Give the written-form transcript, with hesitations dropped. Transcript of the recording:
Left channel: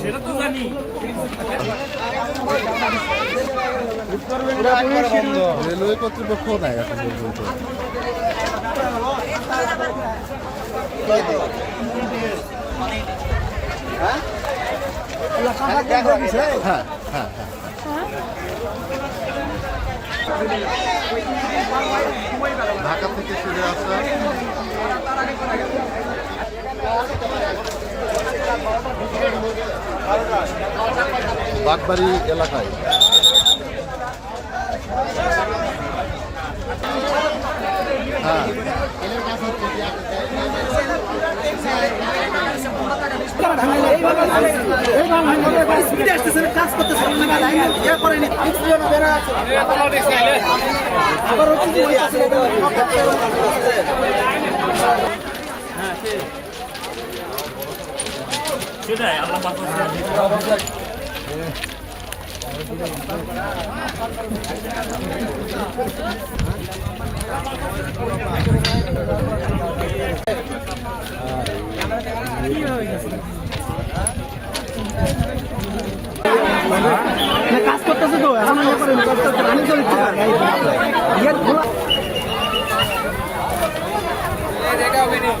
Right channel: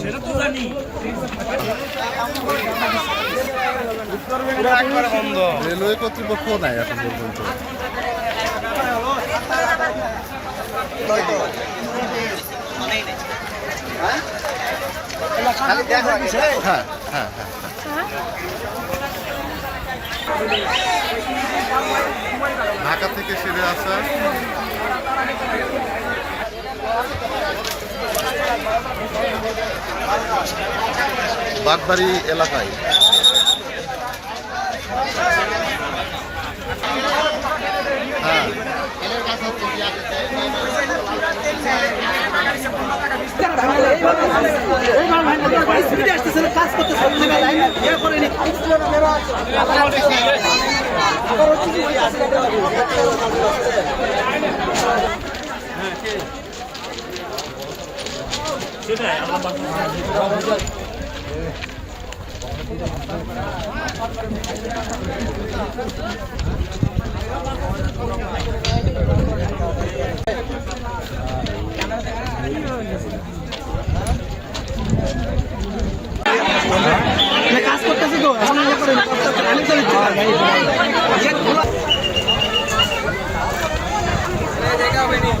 সেটা তো জানি রেলওয়ে কর্তৃপক্ষ নাই এখন পর্যন্ত। হ্যাঁ হ্যাঁ হ্যাঁ ঢাকা থেকে সেরে আসা বাগবাড়ি এলাকায় হ্যাঁ সেটাই আল্লাহ কাজ করতেছি তো দেখা হবে না